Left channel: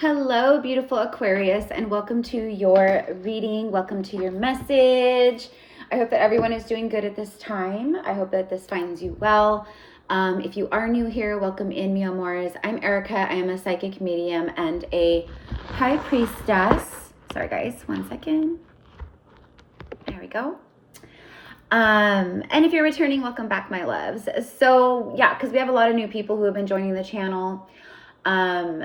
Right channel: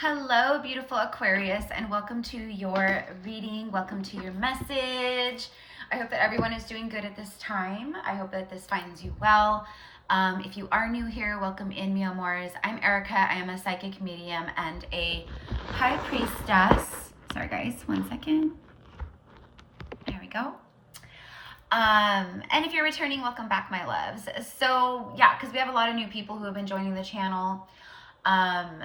Hello, beautiful Aquarius, and welcome to your reading. Welcome to your message. I hope that everyone is doing good at this time. I hope that this finds you well. If you are new here, welcome in, mi amores. I'm Erica. I am a psychic medium and a high priestess. Sorry, guys. 1 second. Here we go. And if you're returning, welcome back, my loves. So, yeah, because we have a lot of new people who have been joining the channel.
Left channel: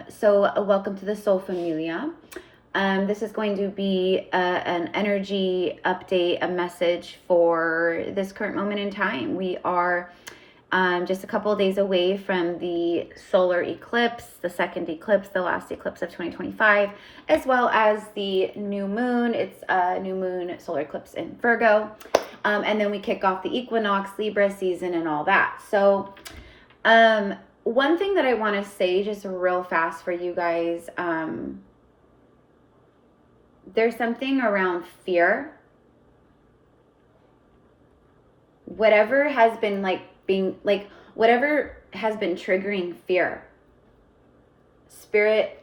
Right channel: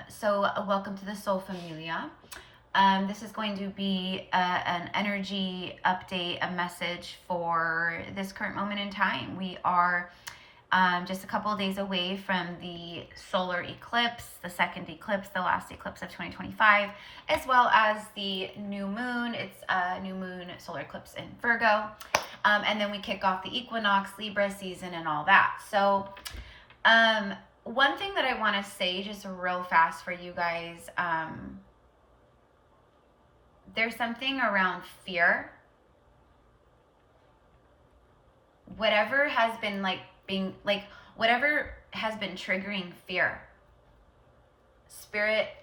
So welcome to the Soul Familia. This is going to be an energy update, a message for this current moment in time. We are just a couple of days away from the solar eclipse, the second eclipse, the last eclipse of 2025, as well as the new moon. It's a new moon solar eclipse in Virgo. And then we kick off the equinox, Libra season, and all that. So, one thing that I want to say just real fast for you guys, there's something around fear. Whatever has been whatever has been triggering fear, Spirit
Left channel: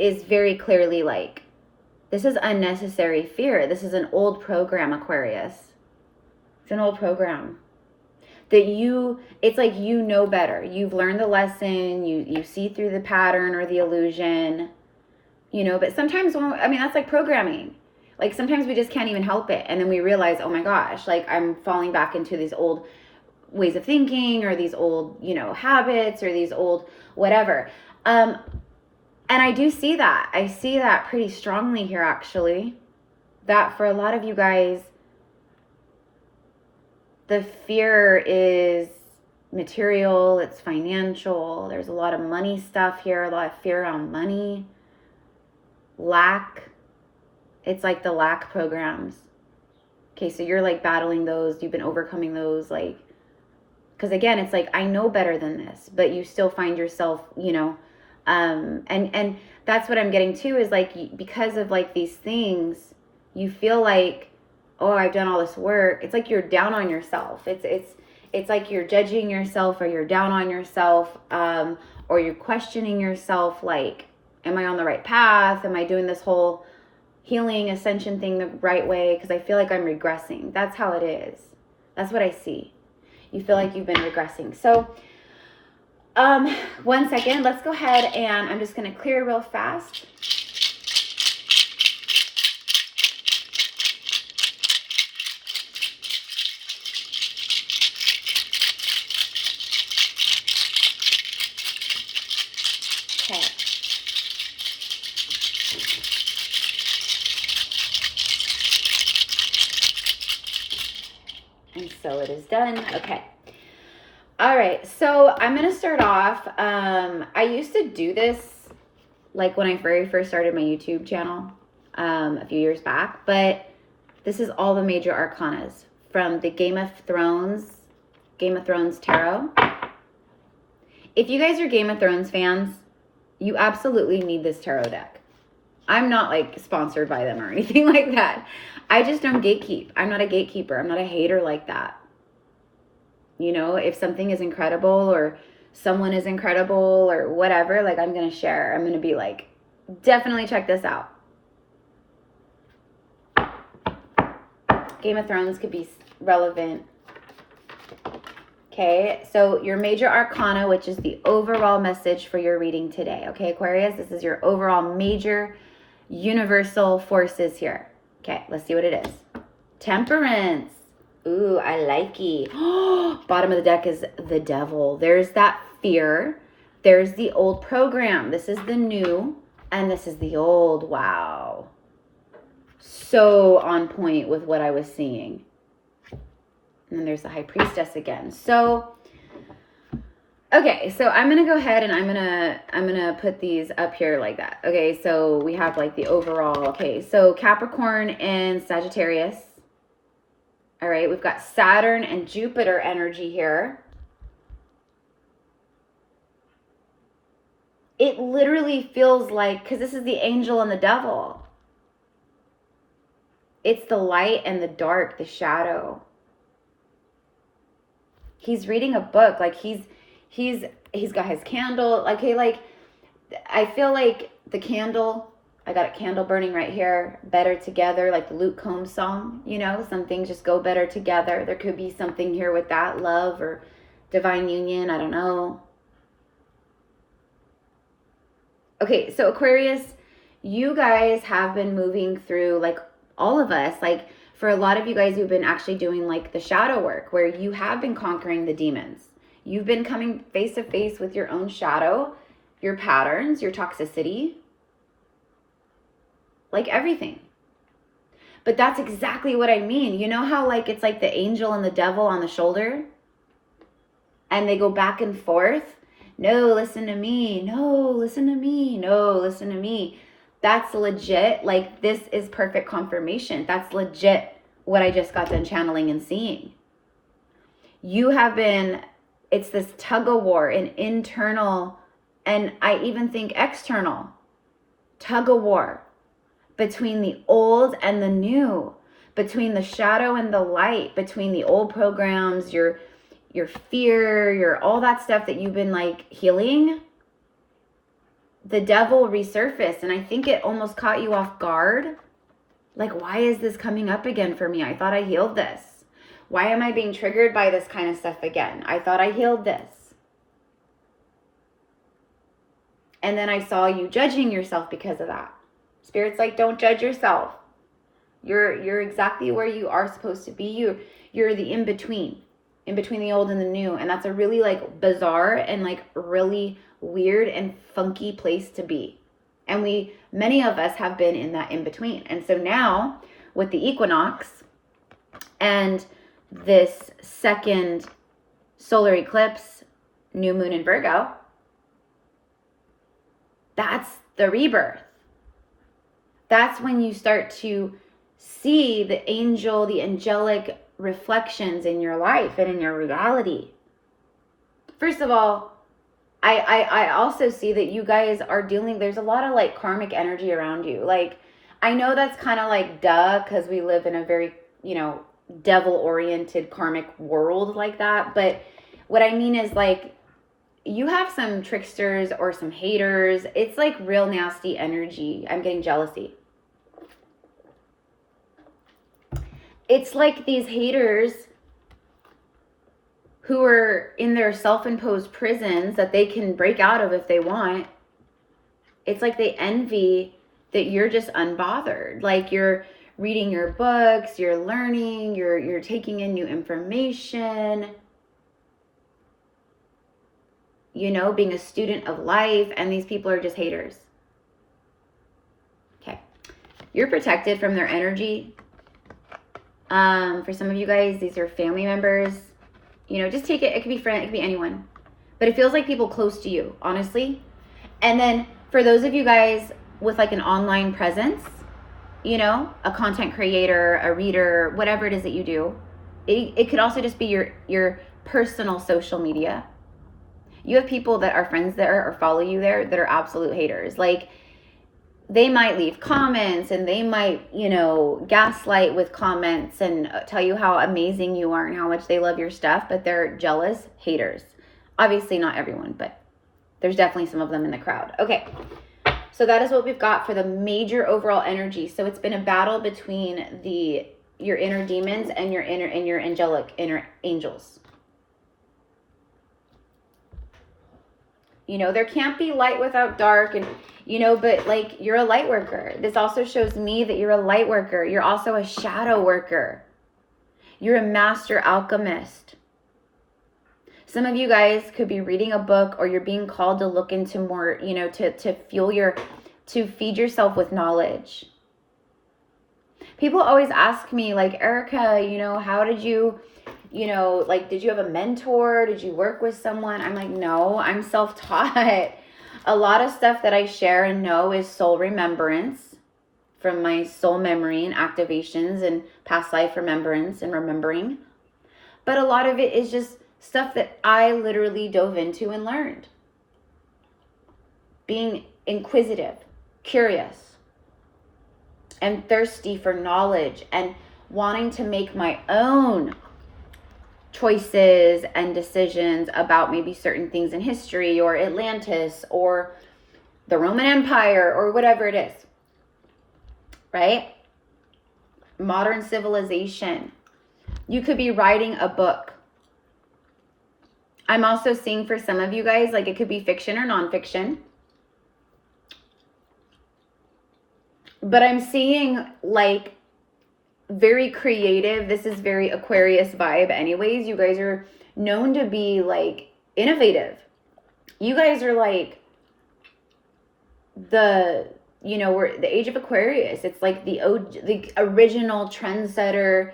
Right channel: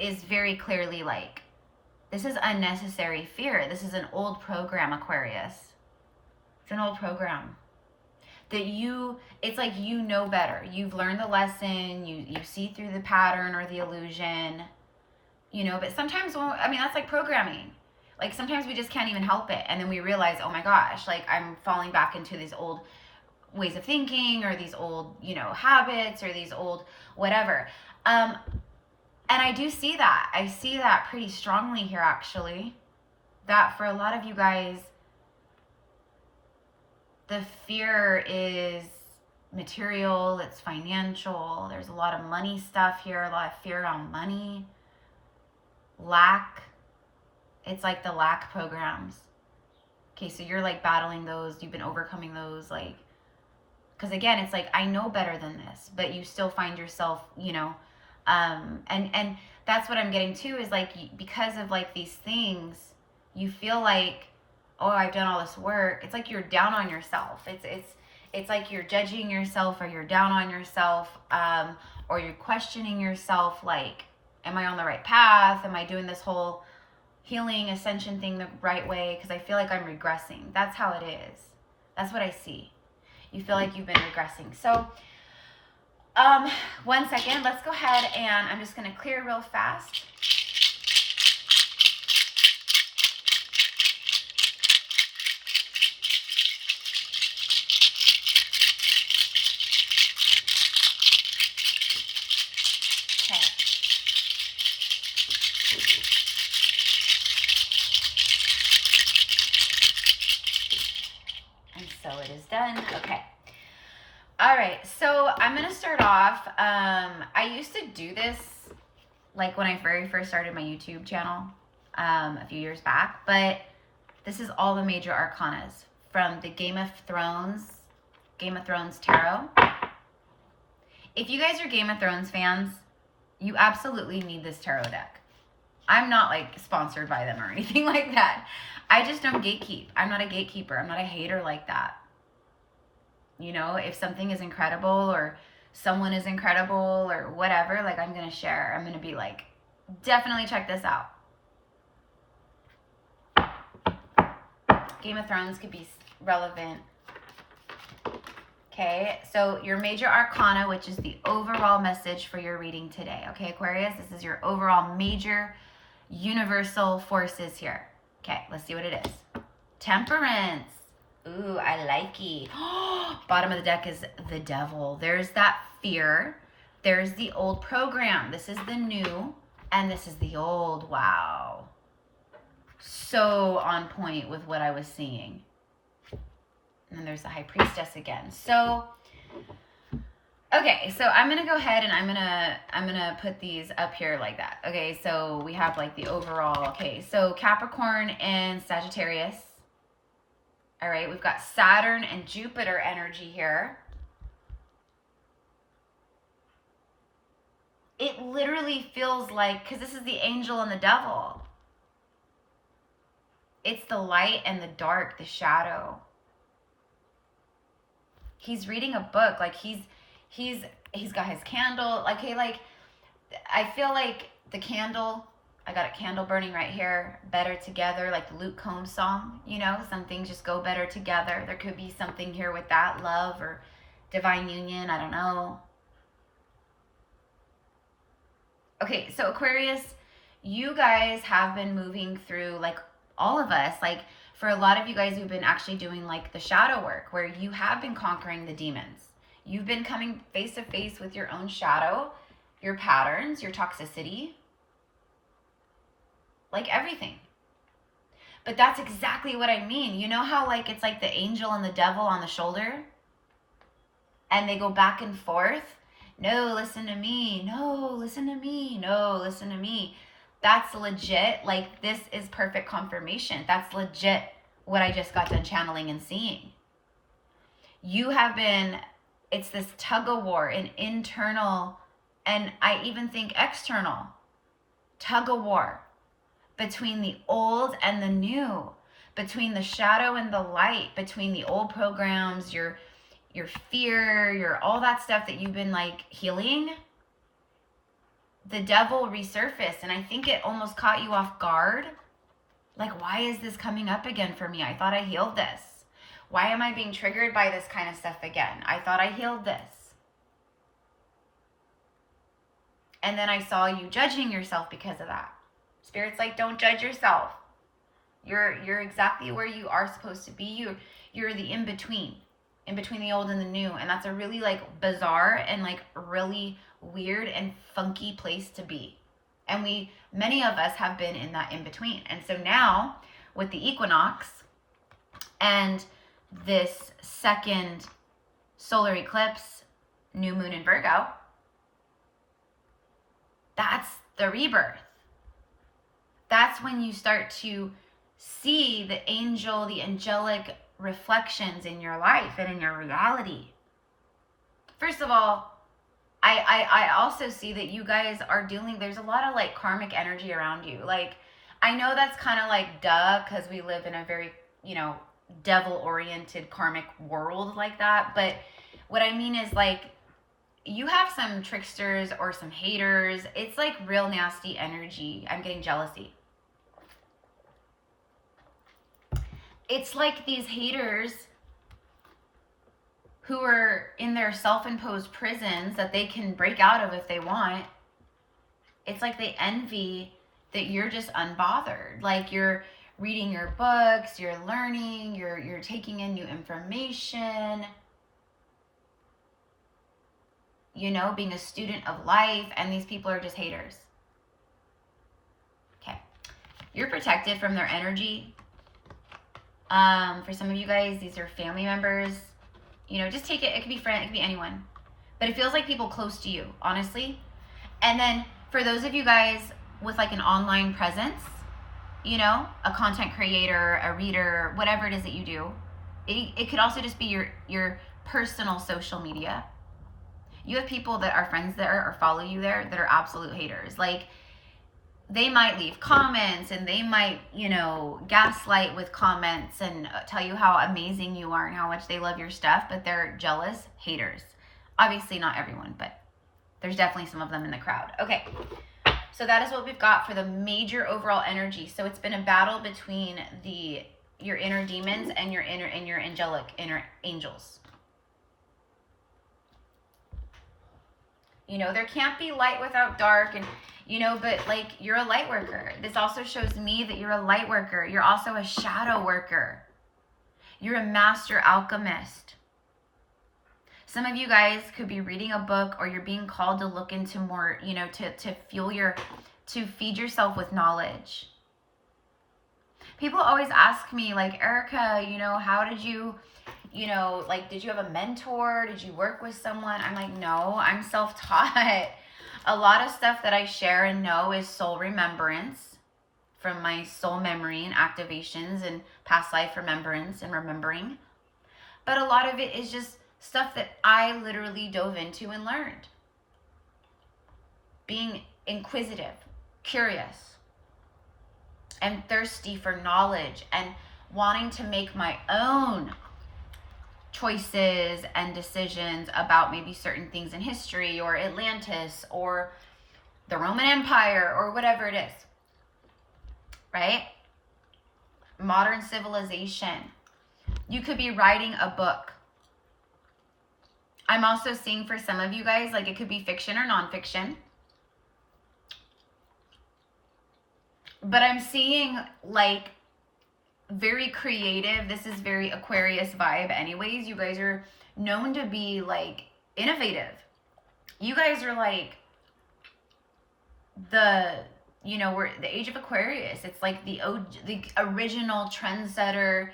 is very clearly like, this is unnecessary fear. This is an old program, Aquarius. It's an old program. That it's like you know better. You've learned the lesson. You see through the pattern or the illusion, but sometimes, that's like programming. Like sometimes we just can't even help it. And then we realize, oh my gosh, like I'm falling back into these old ways of thinking or these old, habits or these old whatever. And I do see that. I see that pretty strongly here, actually. That for a lot of you guys, the fear is material, it's financial. There's a lot of money stuff here, a lot of fear around money. Lack. It's like the lack programs. Okay, so you're like battling those. You've been overcoming those, like, because again, it's like, I know better than this, but you still find yourself, and that's what I'm getting to is like, because of like these things, you feel like, oh, I've done all this work. It's like you're down on yourself. It's like you're judging yourself, or you're down on yourself, or you're questioning yourself, like, am I on the right path? Am I doing this whole healing ascension thing the right way? Because I feel like I'm regressing. That's how it is. That's what I see. You feel like you've been regressing. So 1 second, let's go ahead and I'm just going to clear real fast. And so it is done. Okay. All right. So I'm going to start off. I used to do this like when I very first started my YouTube channel a few years back, but this is all the major arcanas from the Game of Thrones Tarot. If you guys are Game of Thrones fans, you absolutely need this tarot deck. I'm not like sponsored by them or anything like that. I just don't gatekeep. I'm not a gatekeeper. I'm not a hater like that. If something is incredible or someone is incredible or whatever, like I'm going to share. I'm going to be like, definitely check this out. Game of Thrones could be relevant. Okay, so your major arcana, which is the overall message for your reading today. Okay, Aquarius, this is your overall major universal forces here. Okay, let's see what it is. Temperance. Ooh, I like it. Bottom of the deck is the Devil. There's that fear. There's the old program. This is the new, and this is the old. Wow. So on point with what I was seeing. And then there's the High Priestess again. So, okay, so I'm going to go ahead and I'm going to put these up here like that. Okay, so we have like the overall. Okay, so Capricorn and Sagittarius. All right, we've got Saturn and Jupiter energy here. It literally feels like, because this is the angel and the devil. It's the light and the dark, the shadow. He's reading a book, like he's got his candle, like, hey, like I feel like the candle, I got a candle burning right here, better together, like the Luke Combs song, you know, some things just go better together. There could be something here with that, love or divine union, I don't know. Okay, so Aquarius, you guys have been moving through, like all of us, like for a lot of you guys who've been actually doing like the shadow work, where you have been conquering the demons. You've been coming face to face with your own shadow, your patterns, your toxicity, like everything. But that's exactly what I mean. You know how like it's like the angel and the devil on the shoulder? And they go back and forth. No, listen to me. No, listen to me. No, listen to me. That's legit. Like, this is perfect confirmation. That's legit what I just got done channeling and seeing. You have been, it's this tug of war, an internal, and I even think external tug of war between the old and the new, between the shadow and the light, between the old programs, your fear, your all that stuff that you've been like healing. The devil resurfaced, and I think it almost caught you off guard. Like, why is this coming up again for me? I thought I healed this. Why am I being triggered by this kind of stuff again? I thought I healed this. And then I saw you judging yourself because of that. Spirit's like, don't judge yourself. You're exactly where you are supposed to be. You're the in-between the old and the new. And that's a really like bizarre and like really weird and funky place to be. And many of us have been in that in-between. And so now with the equinox and this second solar eclipse, new moon in Virgo, that's the rebirth. That's when you start to see the angel, the angelic reflections in your life and in your reality. First of all, I also see that you guys are dealing, there's a lot of like karmic energy around you. Like, I know that's kind of like duh, because we live in a very, you know, devil-oriented karmic world like that. But what I mean is like, you have some tricksters or some haters. It's like real nasty energy. I'm getting jealousy. It's like these haters who are in their self-imposed prisons that they can break out of if they want. It's like they envy that you're just unbothered. Like you're reading your books, you're learning, you're taking in new information, you know, being a student of life, and these people are just haters. Okay. You're protected from their energy. For some of you guys, these are family members. You know, just take it. It could be friend, it could be anyone. But it feels like people close to you, honestly. And then for those of you guys with like an online presence, you know, a content creator, a reader, whatever it is that you do, it could also just be your personal social media. You have people that are friends there or follow you there that are absolute haters. Like, they might leave comments and they might, you know, gaslight with comments and tell you how amazing you are and how much they love your stuff, but they're jealous haters. Obviously not everyone, but there's definitely some of them in the crowd. Okay, so that is what we've got for the major overall energy. So it's been a battle between your inner demons and your angelic inner angels. You know, there can't be light without dark, and you know, but like, you're a light worker. This also shows me that you're a light worker. You're also a shadow worker. You're a master alchemist. Some of you guys could be reading a book, or you're being called to look into more, you know, to feed yourself with knowledge. People always ask me like, Erica, you know, how did you know, like, did you have a mentor? Did you work with someone? I'm like, no, I'm self-taught. A lot of stuff that I share and know is soul remembrance from my soul memory and activations and past life remembrance and remembering. But a lot of it is just stuff that I literally dove into and learned. Being inquisitive, curious, and thirsty for knowledge and wanting to make my own choices and decisions about maybe certain things in history or Atlantis or the Roman Empire or whatever it is, right? Modern civilization. You could be writing a book. I'm also seeing for some of you guys, like it could be fiction or nonfiction. But I'm seeing like very creative. This is very Aquarius vibe anyways. You guys are known to be like innovative. You guys are like the, you know, we're the age of Aquarius. It's like the original trendsetter.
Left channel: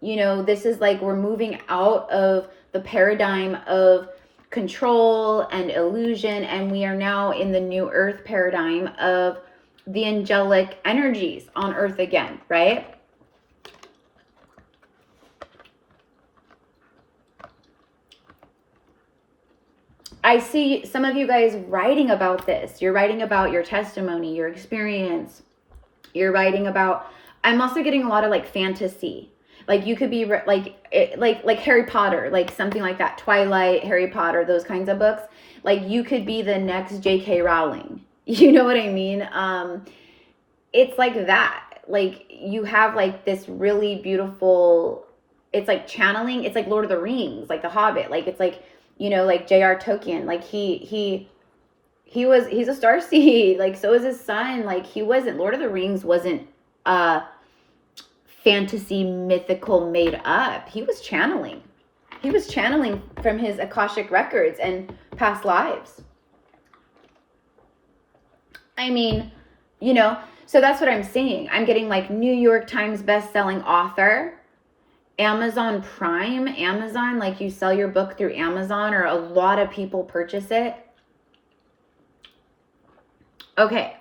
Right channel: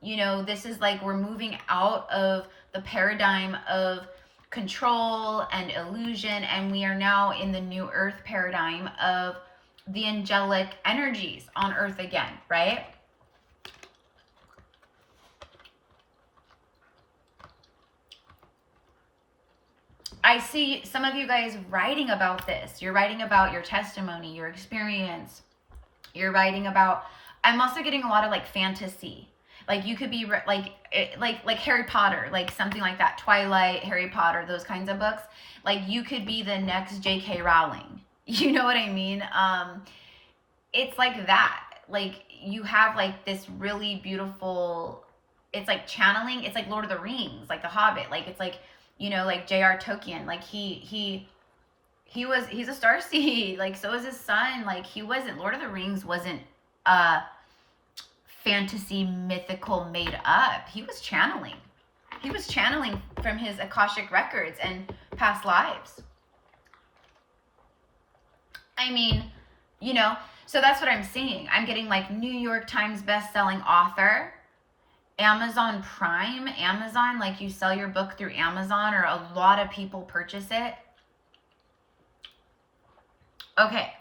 You know, this is like we're moving out of the paradigm of control and illusion, and we are now in the new earth paradigm of the angelic energies on earth again, right? I see some of you guys writing about this. You're writing about your testimony, your experience. You're writing about, I'm also getting a lot of like fantasy. Like you could be like Harry Potter, like something like that. Twilight, Harry Potter, those kinds of books. Like you could be the next J.K. Rowling. You know what I mean? It's like that. Like you have like this really beautiful, it's like channeling. It's like Lord of the Rings, like The Hobbit. Like it's like, you know, like J.R. Tolkien. Like he's a starseed. Like so is his son. Like he wasn't, Lord of the Rings wasn't fantasy mythical made up. He was channeling. He was channeling from his Akashic records and past lives. I mean, you know, so that's what I'm seeing. I'm getting like New York Times best-selling author, Amazon Prime, Amazon, like you sell your book through Amazon or a lot of people purchase it. Okay.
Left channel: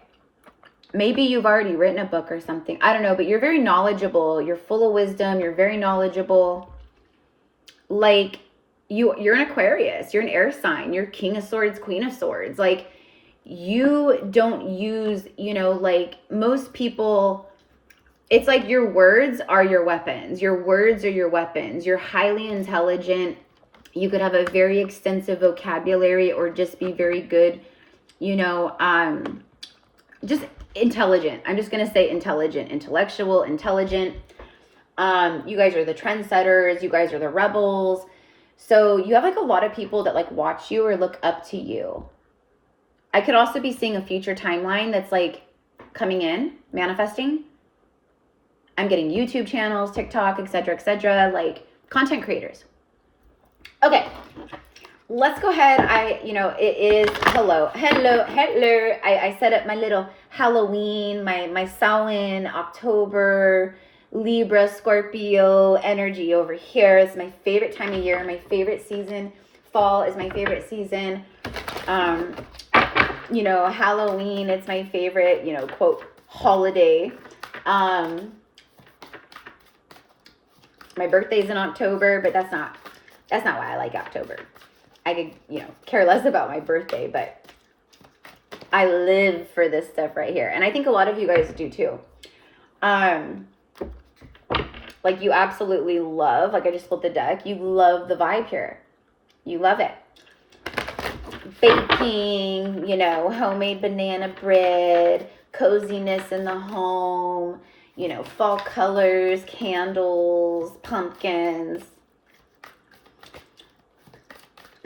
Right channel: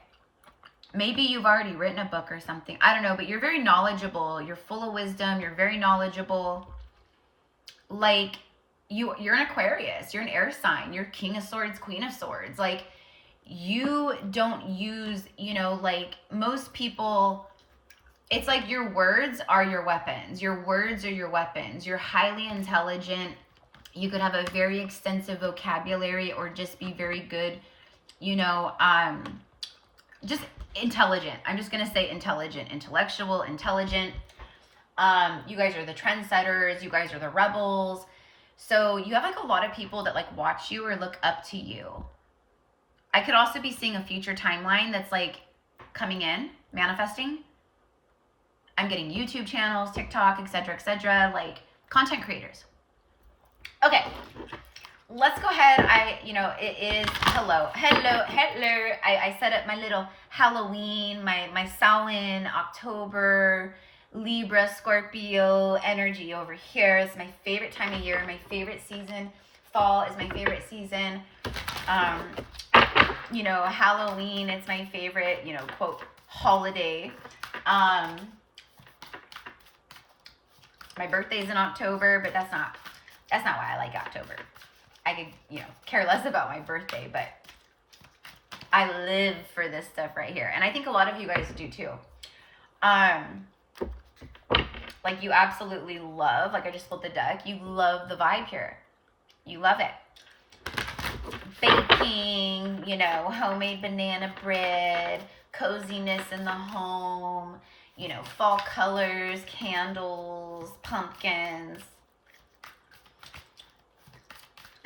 Maybe you've already written a book or something. I don't know, but you're very knowledgeable. You're full of wisdom. You're very knowledgeable. Like you're an Aquarius. You're an air sign. You're King of Swords, Queen of Swords. Like you don't use, you know, like most people, it's like your words are your weapons. Your words are your weapons. You're highly intelligent. You could have a very extensive vocabulary or just be very good, you know, just intelligent. I'm just going to say intelligent, intellectual, intelligent. You guys are the trendsetters. You guys are the rebels. So you have like a lot of people that like watch you or look up to you. I could also be seeing a future timeline that's like coming in, manifesting. I'm getting YouTube channels, TikTok, etc., like content creators. Okay. Let's go ahead. It is hello. I set up my little Halloween, my Samhain, October, Libra, Scorpio energy over here. It's my favorite time of year, my favorite season. Fall is my favorite season. Halloween, it's my favorite, quote, holiday. My birthday's in October, but that's not why I like October. I could, care less about my birthday, but I live for this stuff right here. And I think a lot of you guys do too. Like you absolutely love, like I just pulled the deck, you love the vibe here. You love it. Baking, homemade banana bread, coziness in the home, fall colors, candles, pumpkins.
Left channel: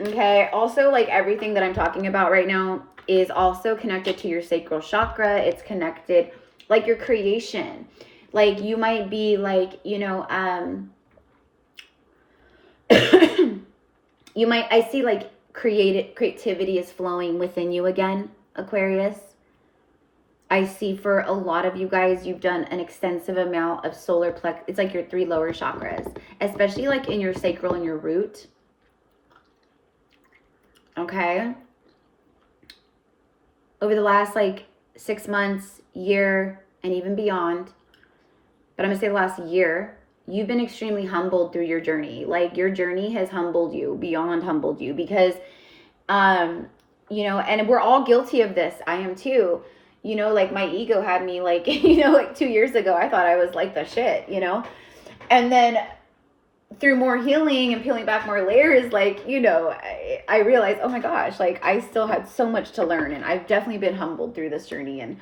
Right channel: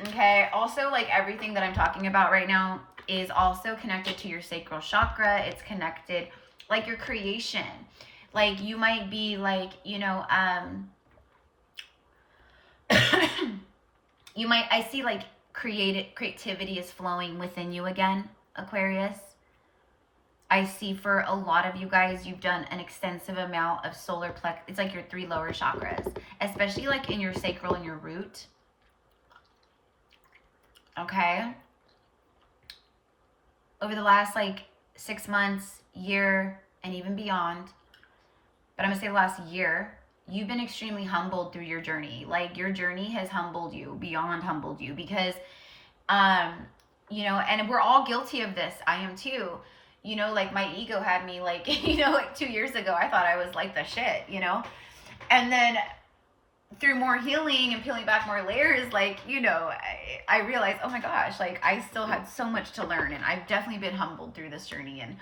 Okay, also like everything that I'm talking about right now is also connected to your sacral chakra. It's connected, like your creation. Like you might be like, I see like creativity is flowing within you again, Aquarius. I see for a lot of you guys, you've done an extensive amount of solar plex. It's like your 3 lower chakras, especially like in your sacral and your root. Okay. Over the last like 6 months, year, and even beyond, but I'm gonna say the last year, you've been extremely humbled through your journey. Like your journey has humbled you, beyond humbled you, because, and we're all guilty of this. I am too. Like my ego had me like, like 2 years ago, I thought I was like the shit, and then through more healing and peeling back more layers, like, you know, I realized, oh my gosh, like I still had so much to learn, and I've definitely been humbled through this journey. And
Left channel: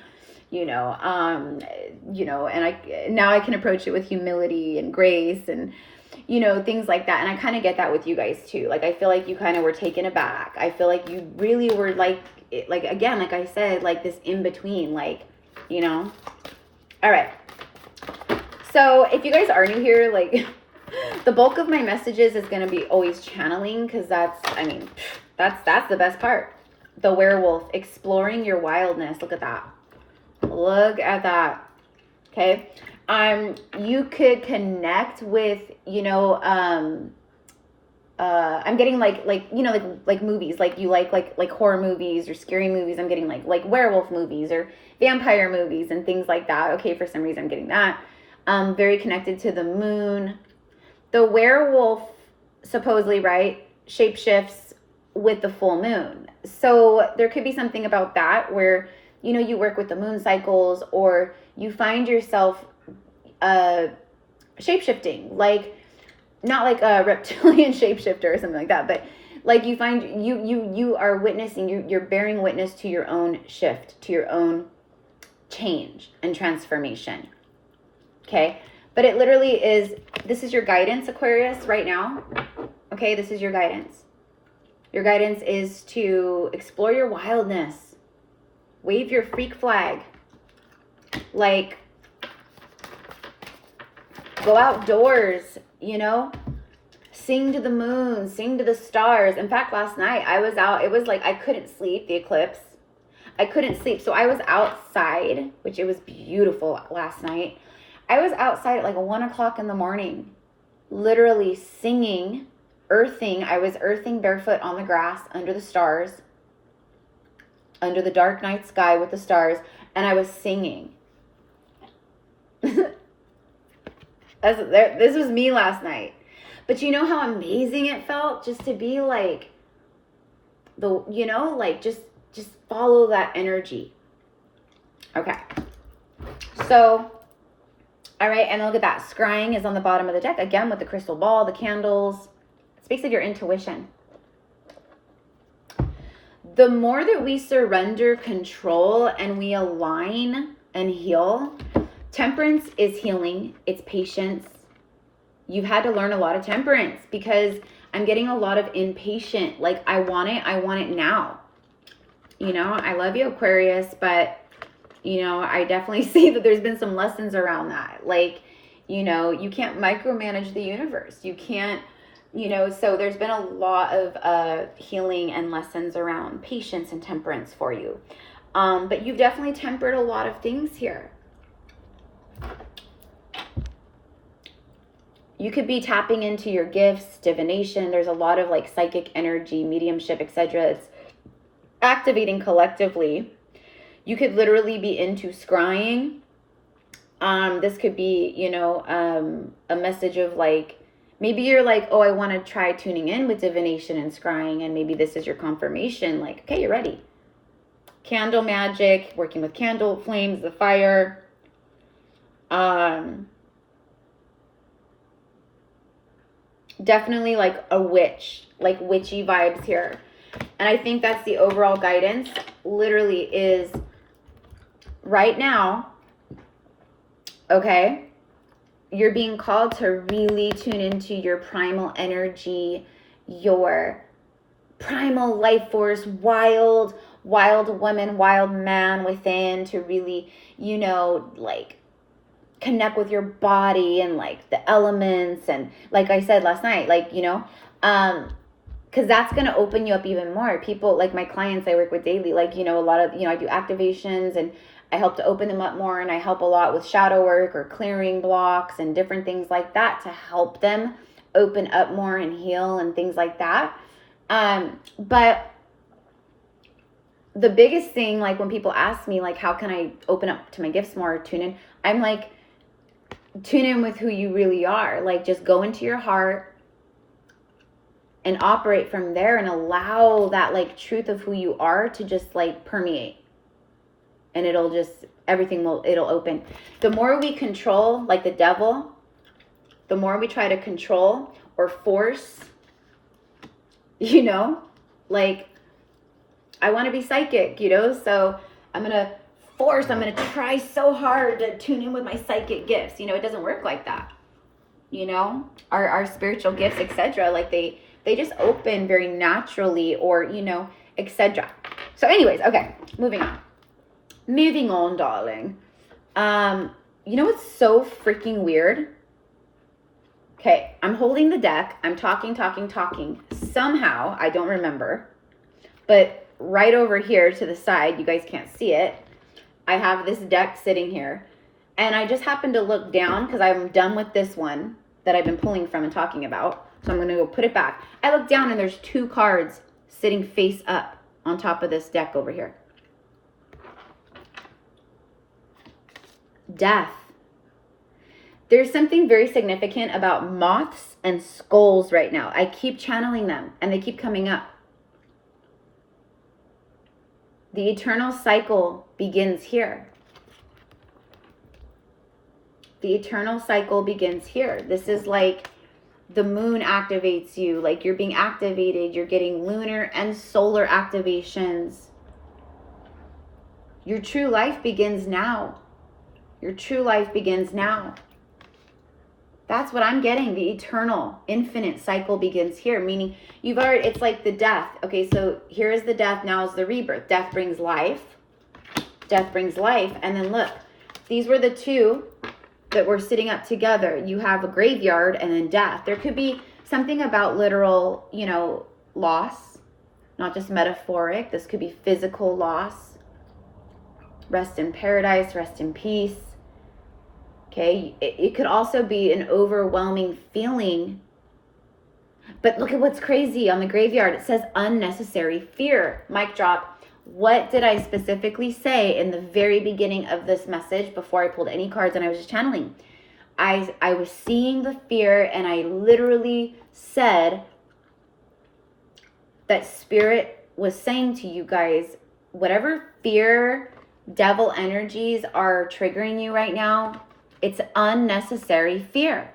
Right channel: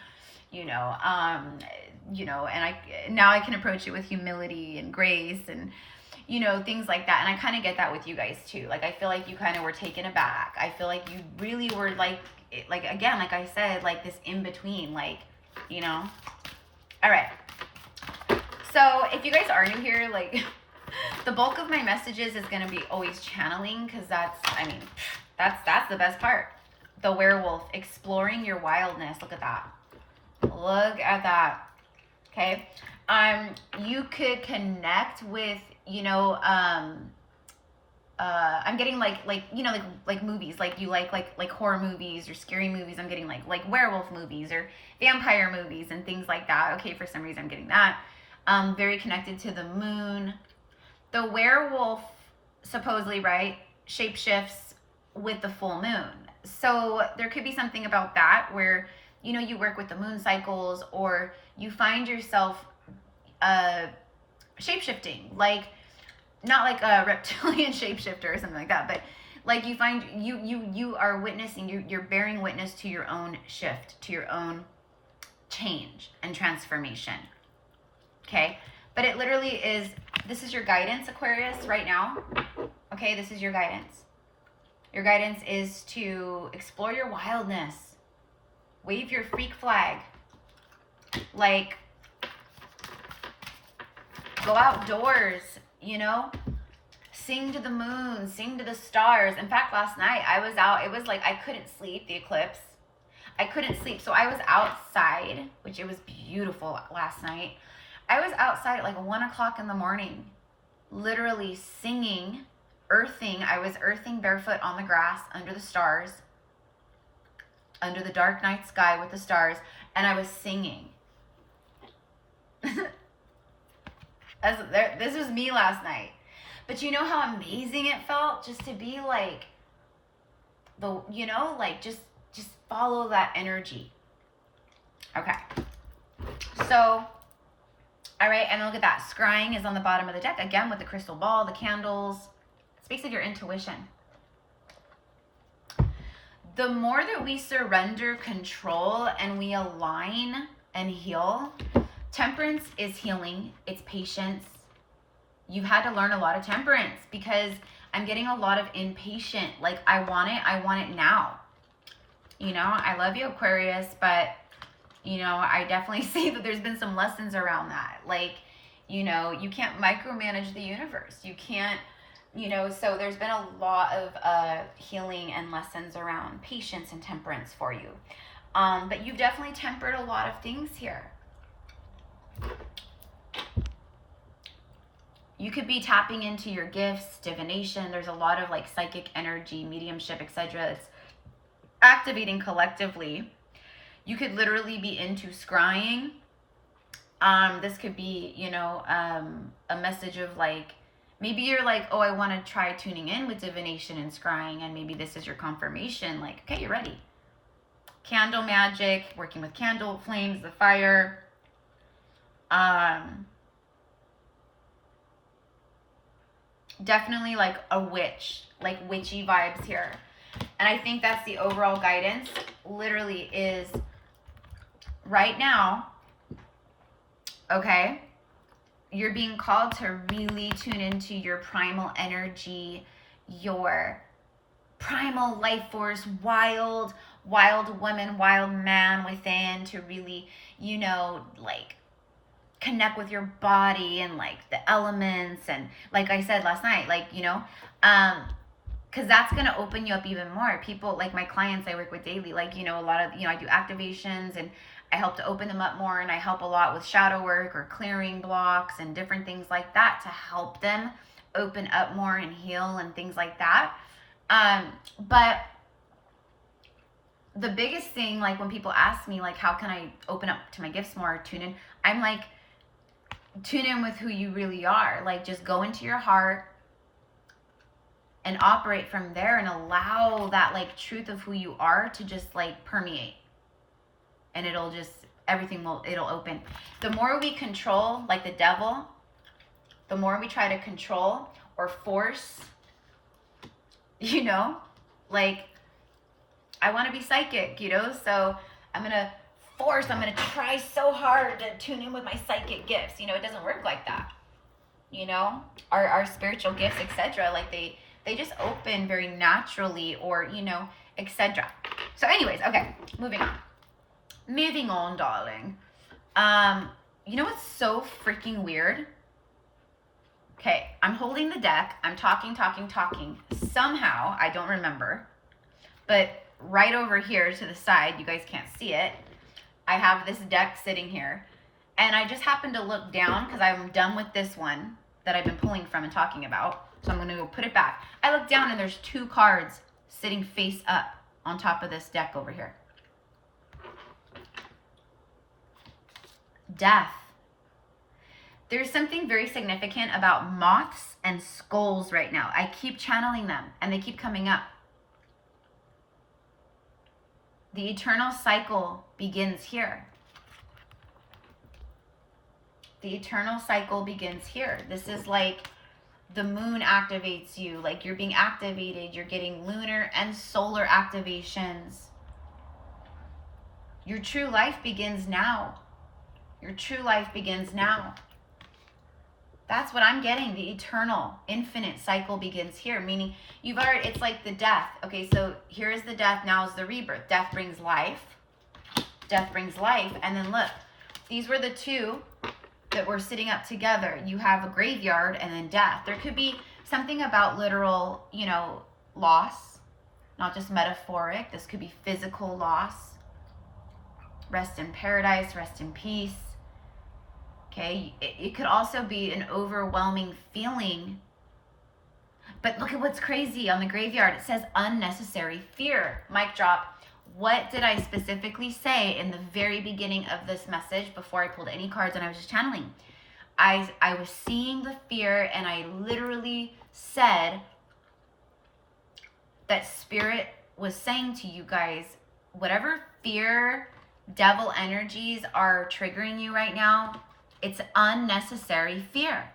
you know, and now I can approach it with humility and grace and, you know, things like that. And I kind of get that with you guys too. Like, I feel like you kind of were taken aback. I feel like you really were like again, like I said, like this in between, like, you know. All right. So if you guys are new here, like the bulk of my messages is going to be always channeling, because that's, I mean, that's the best part. The werewolf, exploring your wildness. Look at that. Look at that. Okay. You could connect with, you know, I'm getting like, you know, like movies, like you like horror movies or scary movies. I'm getting like werewolf movies or vampire movies and things like that. Okay. For some reason I'm getting that. Very connected to the moon. The werewolf supposedly, right, shapeshifts with the full moon. So there could be something about that where, you know, you work with the moon cycles, or you find yourself shape-shifting, like not like a reptilian shapeshifter or something like that, but like you find you are witnessing, you're bearing witness to your own shift, to your own change and transformation. Okay. But it literally is, this is your guidance, Aquarius, right now. Okay. This is your guidance. Your guidance is to explore your wildness. Wave your freak flag. Like, go outdoors, you know, sing to the moon, sing to the stars. In fact, last night I was out, it was like, I couldn't sleep, the eclipse. I couldn't sleep. So I was outside, which it was beautiful last night. I was outside at like 1 o'clock in the morning, literally singing, earthing. I was earthing barefoot on the grass under the stars, under the dark night sky with the stars, and I was singing. This was me last night. But you know how amazing it felt just to be like, you know, like just follow that energy. Okay. So, all right, and look at that. Scrying is on the bottom of the deck, again, with the crystal ball, the candles. It speaks of your intuition. The more that we surrender control and we align and heal, temperance is healing. It's patience. You've had to learn a lot of temperance, because I'm getting a lot of impatient. Like, I want it now. You know, I love you, Aquarius, but you know, I definitely see that there's been some lessons around that. Like, you know, you can't micromanage the universe. You can't, you know, so there's been a lot of healing and lessons around patience and temperance for you. But you've definitely tempered a lot of things here. You could be tapping into your gifts, divination. There's a lot of like psychic energy, mediumship, etc. It's activating collectively. You could literally be into scrying. This could be, you know, a message of like, maybe you're like, oh, I want to try tuning in with divination and scrying, and maybe this is your confirmation. Like, okay, you're ready. Candle magic, working with candle flames, the fire. Definitely like a witch, like witchy vibes here. And I think that's the overall guidance. Literally is right now, okay, you're being called to really tune into your primal energy, your primal life force, wild woman, wild man within, to really, you know, like connect with your body and like the elements. And like I said last night, like, you know, because that's going to open you up even more. People, like my clients I work with daily, like, you know, a lot of, you know, I do activations and I help to open them up more, and I help a lot with shadow work or clearing blocks and different things like that to help them open up more and heal and things like that. But the biggest thing, like when people ask me, like, how can I open up to my gifts more, tune in? I'm like, tune in with who you really are. Like, just go into your heart and operate from there and allow that like truth of who you are to just like permeate. And it'll just, everything will, it'll open. The more we control, like the devil, the more we try to control or force, you know, like, I want to be psychic, you know, so I'm going to try so hard to tune in with my psychic gifts. You know, it doesn't work like that. You know, our spiritual gifts, etc. Like they just open very naturally, or, you know, etc. So anyways, okay, moving on, darling. You know what's so freaking weird? Okay, I'm holding the deck. I'm talking. Somehow, I don't remember, but right over here to the side, you guys can't see it, I have this deck sitting here. And I just happened to look down because I'm done with this one that I've been pulling from and talking about. So I'm going to go put it back. I look down and there's 2 cards sitting face up on top of this deck over here. Death. There's something very significant about moths and skulls right now. I keep channeling them and they keep coming up. The eternal cycle begins here. The eternal cycle begins here. This is like the moon activates you. Like you're being activated. You're getting lunar and solar activations. Your true life begins now. Your true life begins now. That's what I'm getting. The eternal, infinite cycle begins here. Meaning you've already, it's like the death. Okay, so here is the death. Now is the rebirth. Death brings life. Death brings life. And then look, these were the 2 that were sitting up together. You have a graveyard and then death. There could be something about literal, you know, loss, not just metaphoric. This could be physical loss. Rest in paradise, rest in peace. Okay, it could also be an overwhelming feeling. But look at what's crazy on the graveyard. It says unnecessary fear. Mic drop. What did I specifically say in the very beginning of this message before I pulled any cards and I was just channeling? I was seeing the fear, and I literally said that Spirit was saying to you guys, whatever fear, devil energies are triggering you right now, it's unnecessary fear.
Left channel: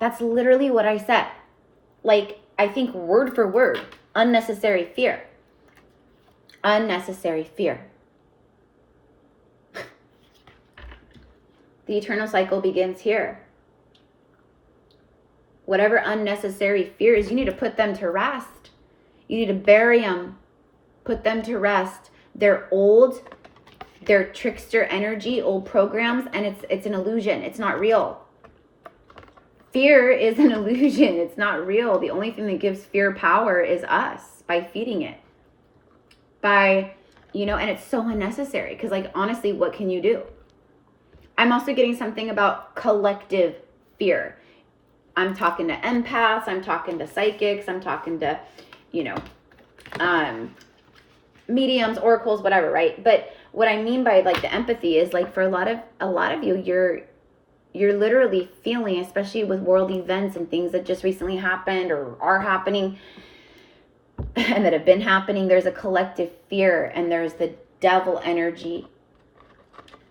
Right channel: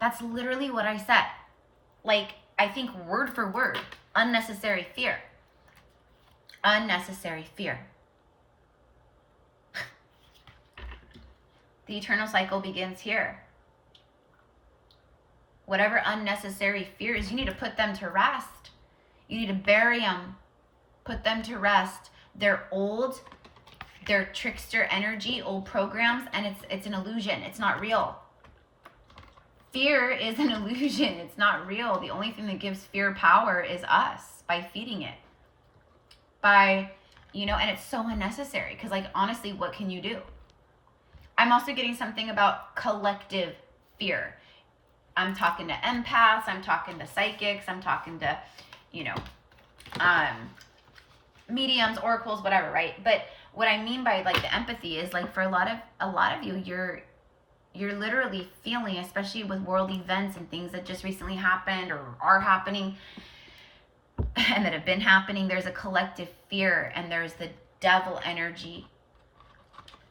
That's literally what I said. Like, I think word for word, unnecessary fear. Unnecessary fear. The eternal cycle begins here. Whatever unnecessary fear is, you need to put them to rest. You need to bury them. Put them to rest. They're old. They're trickster energy, old programs, and it's an illusion. It's not real. Fear is an illusion. It's not real. The only thing that gives fear power is us, by feeding it. By, you know, and it's so unnecessary because, like, honestly, what can you do? I'm also getting something about collective fear. I'm talking to empaths. I'm talking to psychics. I'm talking to, you know, mediums, oracles, whatever, right? But what I mean by, like, the empathy is, like, for a lot of you, you're literally feeling, especially with world events and things that just recently happened or are happening and that have been happening, there's a collective fear and there's the devil energy.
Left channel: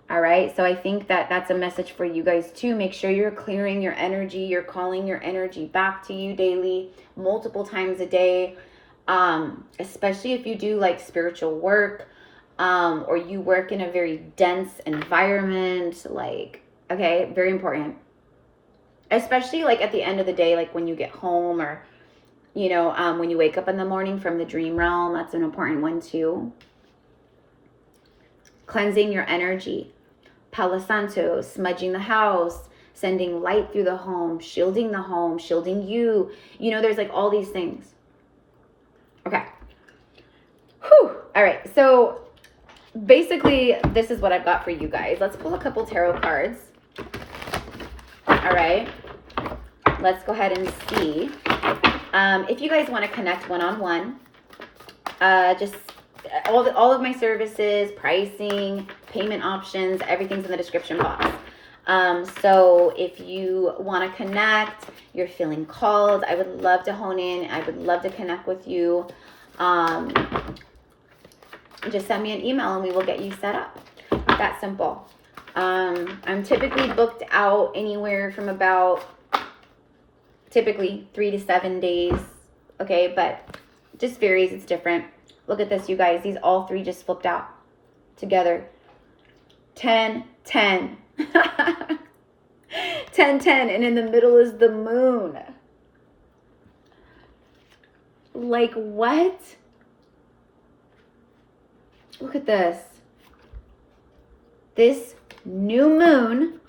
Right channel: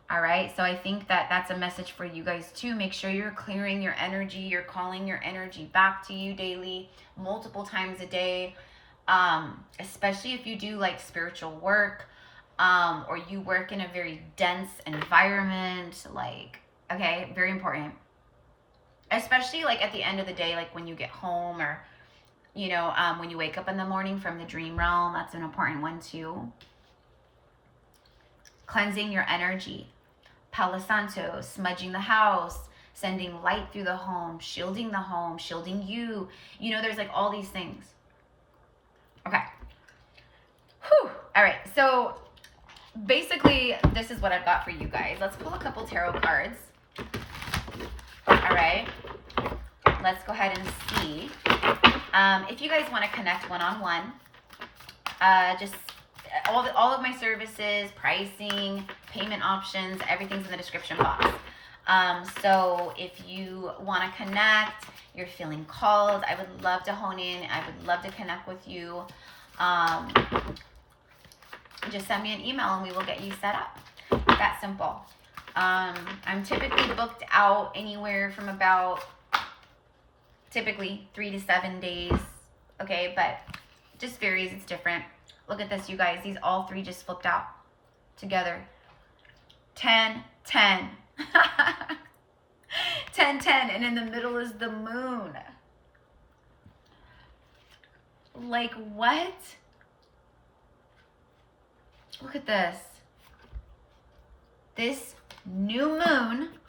All right. So I think that that's a message for you guys too. Make sure you're clearing your energy. You're calling your energy back to you daily, multiple times a day. Especially if you do like spiritual work, or you work in a very dense environment, like, okay, very important. Especially like at the end of the day, like when you get home, or, you know, when you wake up in the morning from the dream realm, that's an important one too. Cleansing your energy. Palo Santo, smudging the house, sending light through the home, shielding you. You know, there's like all these things. Okay. Whew. All right. So basically, this is what I've got for you guys. Let's pull a couple tarot cards. All right. Let's go ahead and see. If you guys want to connect one-on-one, just all of my services, pricing, payment options, everything's in the description box. So if you want to connect, you're feeling called, I would love to hone in. I would love to connect with you. Just send me an email and we will get you set up. That simple. I'm typically booked out anywhere from about typically 3 to 7 days. Okay, but just varies. It's different. Look at this, you guys. These all three just flipped out together. 10, 10. 10, 10. And in the middle is the moon. Like, what? Look at this. This new moon,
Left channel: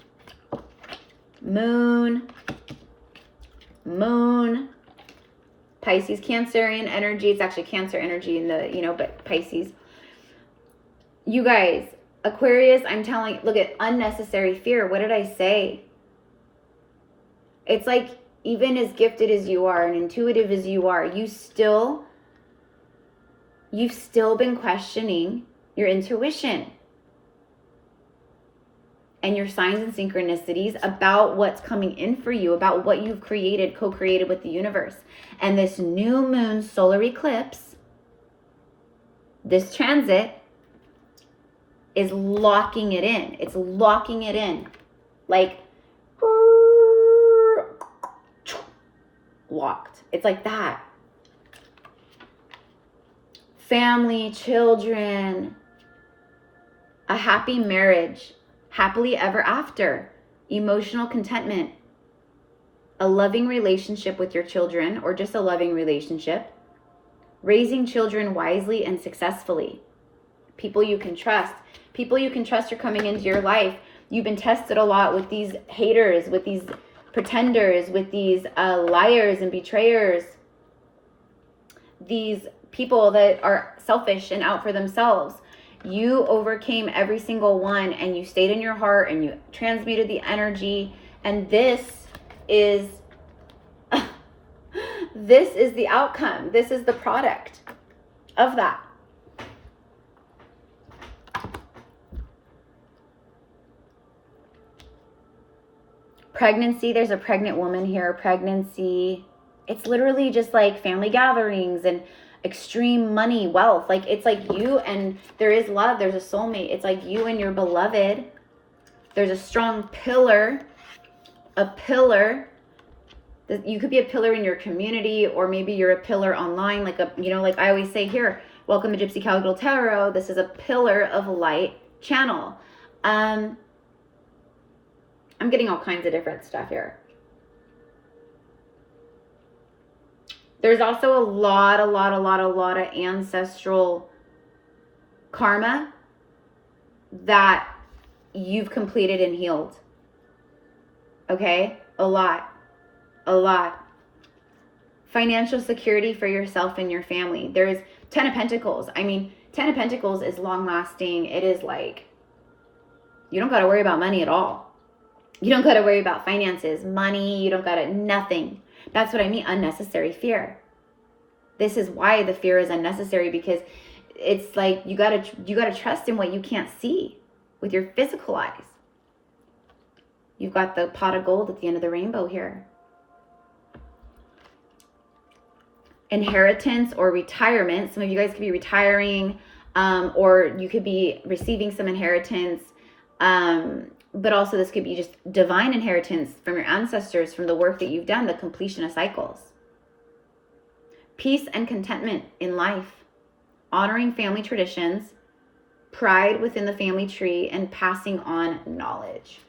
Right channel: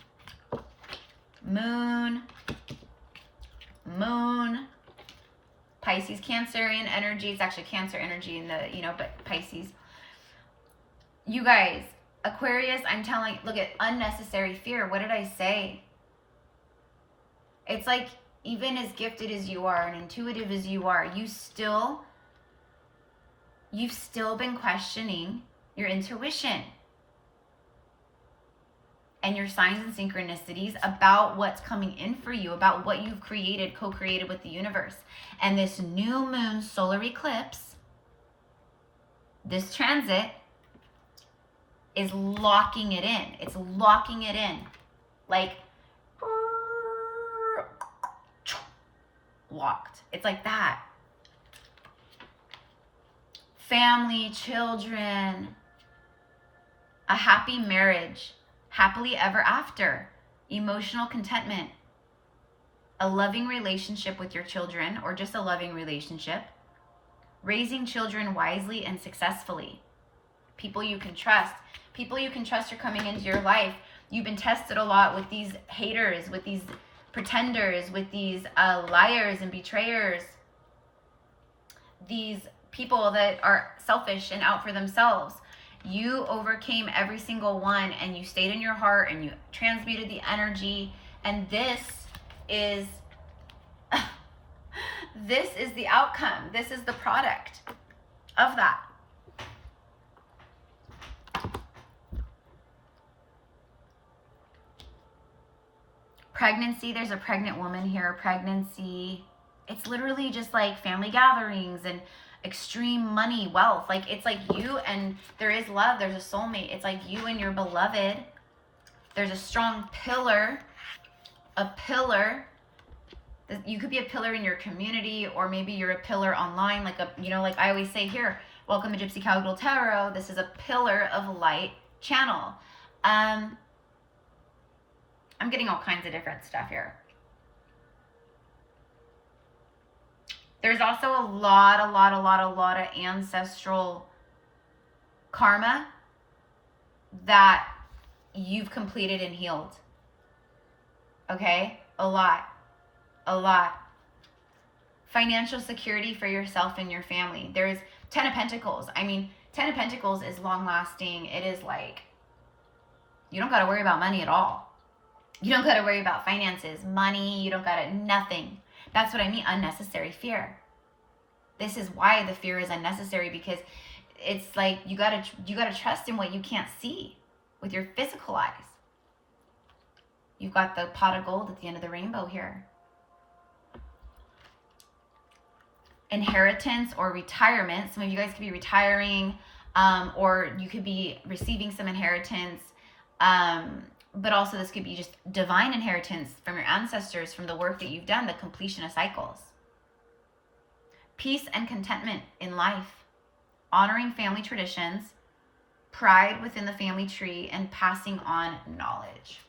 Pisces, Cancerian energy. It's actually Cancer energy in the, you know, but Pisces. You guys, Aquarius, I'm telling, look at unnecessary fear. What did I say? It's like, even as gifted as you are and intuitive as you are, you've still been questioning your intuition and your signs and synchronicities about what's coming in for you, about what you've created, co-created with the universe. And this new moon solar eclipse, this transit, is locking it in. It's locking it in. Like, locked. It's like that. Family, children, a happy marriage, happily ever after, emotional contentment, a loving relationship with your children, or just a loving relationship, raising children wisely and successfully, people you can trust. People you can trust are coming into your life. You've been tested a lot with these haters, with these pretenders, with these liars and betrayers, these people that are selfish and out for themselves. You overcame every single one, and you stayed in your heart, and you transmuted the energy. And this is this is the outcome. This is the product of that. Pregnancy, there's a pregnant woman here. Pregnancy, it's literally just like family gatherings and extreme money, wealth. Like, it's like you, and there is love. There's a soulmate. It's like you and your beloved. There's a strong pillar. A pillar. You could be a pillar in your community, or maybe you're a pillar online. Like, a, you know, like I always say here, welcome to Gypsy Cowgirl Tarot. This is a pillar of light channel. I'm getting all kinds of different stuff here. There's also a lot of ancestral karma that you've completed and healed. Okay? A lot. Financial security for yourself and your family. There is 10 of Pentacles. I mean, 10 of Pentacles is long lasting. It is like, you don't got to worry about money at all. You don't got to worry about finances, money. You don't got to, nothing. That's what I mean, unnecessary fear. This is why the fear is unnecessary, because it's like you gotta trust in what you can't see with your physical eyes. You've got the pot of gold at the end of the rainbow here. Inheritance or retirement. Some of you guys could be retiring, or you could be receiving some inheritance. But also this could be just divine inheritance from your ancestors, from the work that you've done, the completion of cycles. Peace and contentment in life, honoring family traditions, pride within the family tree, and passing on knowledge.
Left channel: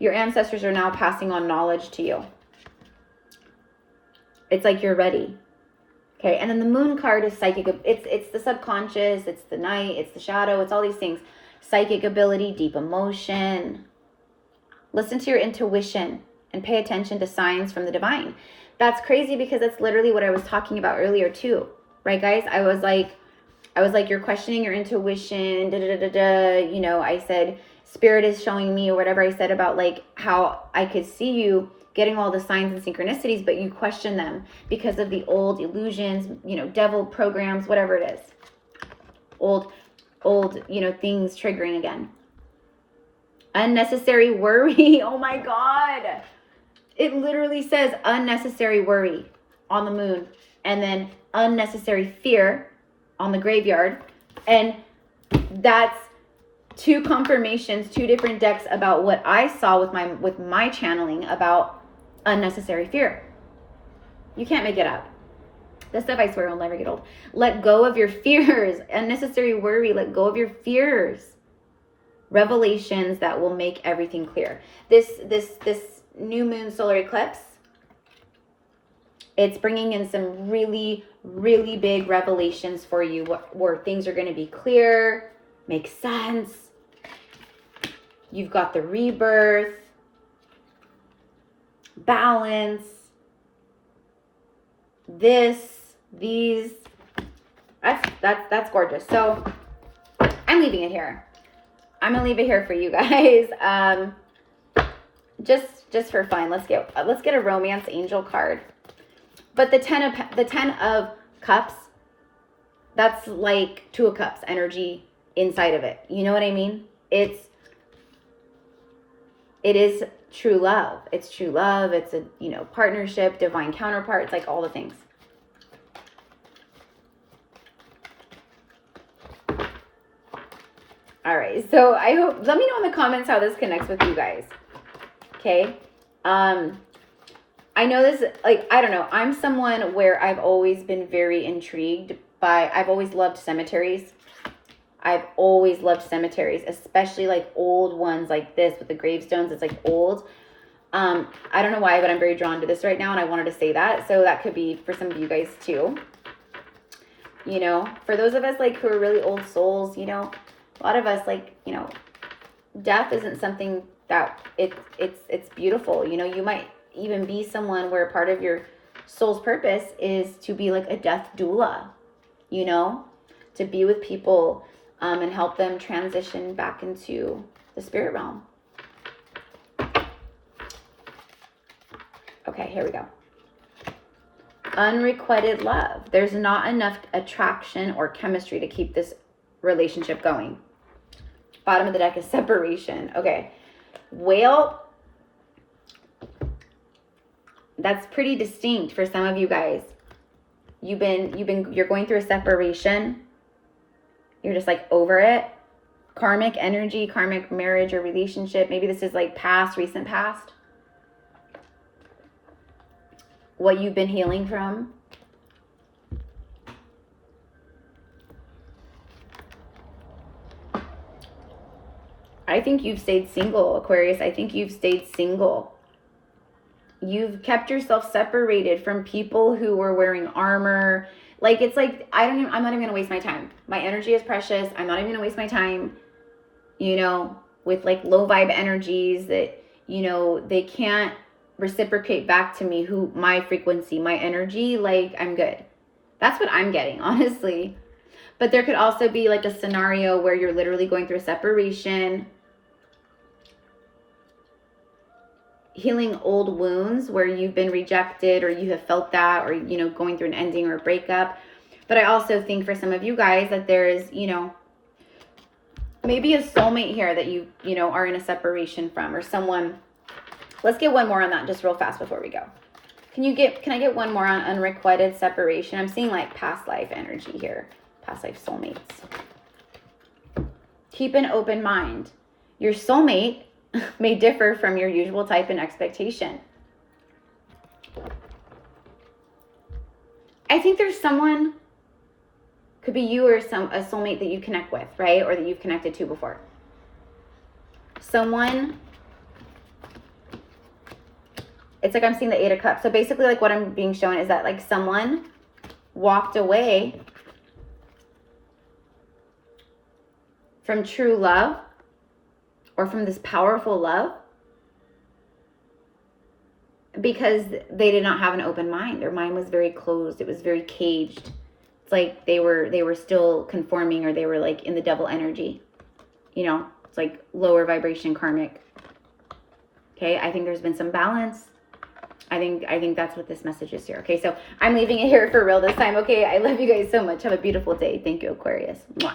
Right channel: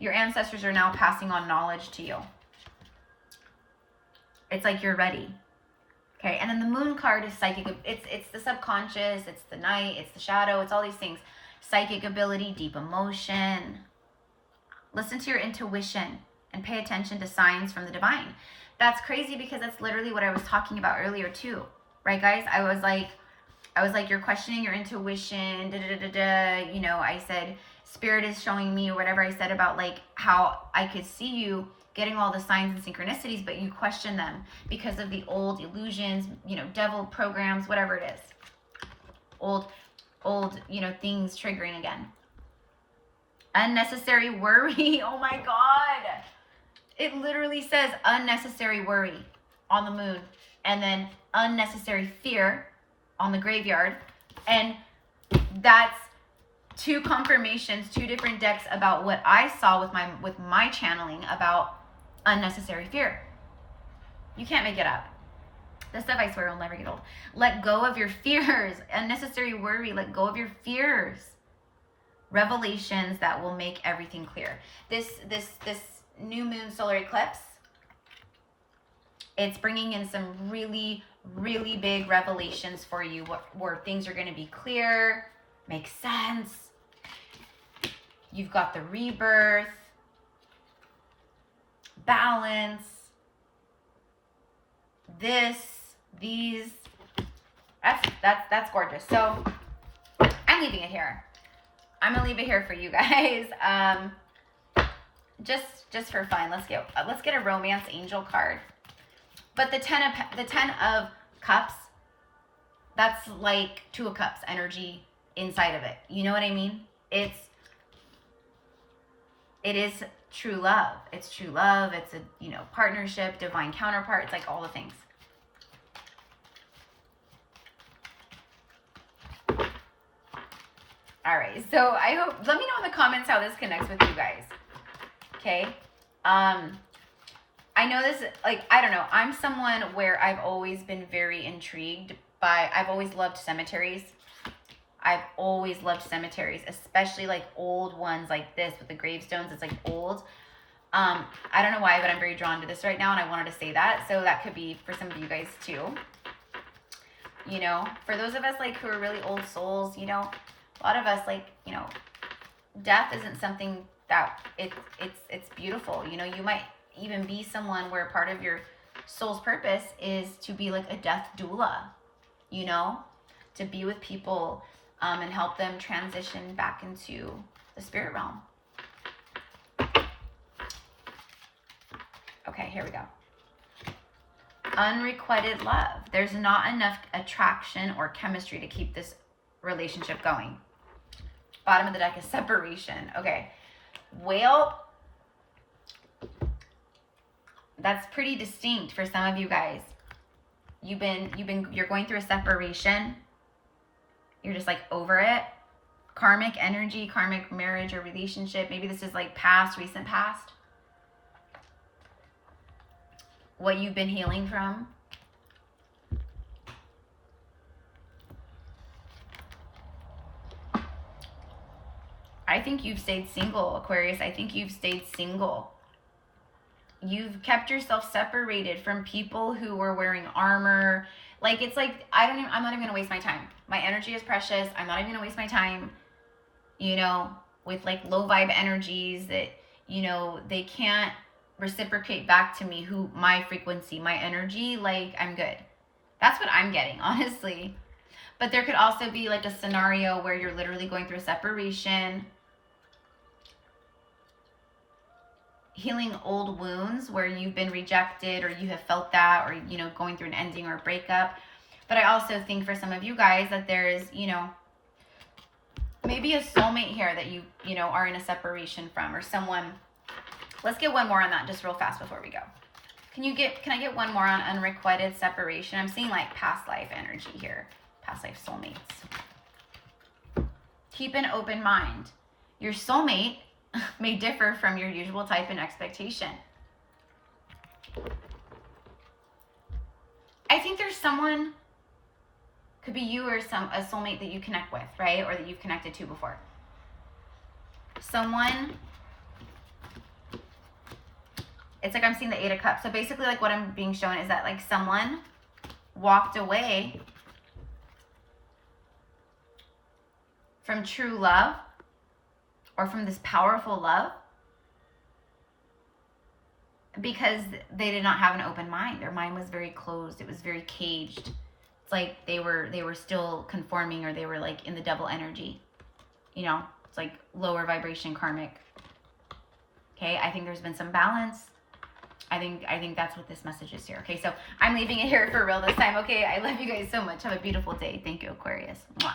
Your ancestors are now passing on knowledge to you. It's like you're ready. Okay, and then the moon card is psychic. It's the subconscious, it's the night, it's the shadow, it's all these things. Psychic ability, deep emotion. Listen to your intuition and pay attention to signs from the divine. That's crazy, because that's literally what I was talking about earlier too. Right, guys? I was like, you're questioning your intuition, You know, I said, spirit is showing me, or whatever I said about like how I could see you getting all the signs and synchronicities, but you question them because of the old illusions, you know, devil programs, whatever it is. Old, you know, things triggering again. Unnecessary worry. Oh my God. It literally says unnecessary worry on the moon, and then unnecessary fear on the graveyard. And that's two confirmations, two different decks about what I saw with my channeling about unnecessary fear. You can't make it up. This stuff, I swear, will never get old. Let go of your fears. Unnecessary worry. Let go of your fears. Revelations that will make everything clear. This new moon solar eclipse, it's bringing in some really, really big revelations for you, where things are going to be clear, make sense. You've got the rebirth, balance, these. That's gorgeous. So I'm leaving it here. I'm gonna leave it here for you guys. Just for fun. Let's get a romance angel card. But the 10 of cups, that's like 2 of cups energy inside of it. You know what I mean? It is true love. It's true love. It's a, you know, partnership, divine counterpart. It's like all the things. All right. So I hope, let me know in the comments how this connects with you guys. Okay. I know this, like, I don't know. I'm someone where I've always been very intrigued by, I've always loved cemeteries. I've always loved cemeteries, especially like old ones like this with the gravestones. It's like old. I don't know why, but I'm very drawn to this right now, and I wanted to say that. So that could be for some of you guys too. You know, for those of us like who are really old souls, you know, a lot of us, like, you know, death isn't something that it's beautiful. You know, you might even be someone where part of your soul's purpose is to be like a death doula, you know, to be with people and help them transition back into the spirit realm. Okay, here we go. Unrequited love. There's not enough attraction or chemistry to keep this relationship going. Bottom of the deck is separation. Okay. Whale. That's pretty distinct for some of you guys. You're going through a separation. You're just like over it. Karmic energy, karmic marriage or relationship. Maybe this is like past, recent past. What you've been healing from. I think you've stayed single, Aquarius. I think you've stayed single. You've kept yourself separated from people who were wearing armor. Like, it's like, I'm not even gonna waste my time. My energy is precious. I'm not even gonna waste my time, you know, with like low vibe energies that, you know, they can't reciprocate back to me who my frequency, my energy. Like, I'm good. That's what I'm getting, honestly. But there could also be like a scenario where you're literally going through a separation, healing old wounds where you've been rejected or you have felt that, or, you know, going through an ending or a breakup. But I also think for some of you guys that there is, you know, maybe a soulmate here that you know, are in a separation from, or someone. Let's get one more on that just real fast before we go. Can I get one more on unrequited separation? I'm seeing like past life energy here. Past life soulmates. Keep an open mind. Your soulmate may differ from your usual type and expectation. I think there's someone, could be you or a soulmate that you connect with, right? Or that you've connected to before. Someone, it's like I'm seeing the 8 of Cups. So basically like what I'm being shown is that like someone walked away from true love or from this powerful love because they did not have an open mind. Their mind was very closed. It was very caged. It's like they were still conforming, or they were like in the double energy. You know, it's like lower vibration karmic. Okay, I think there's been some balance. I think that's what this message is here. Okay, so I'm leaving it here for real this time. Okay, I love you guys so much. Have a beautiful day. Thank you, Aquarius. Mwah.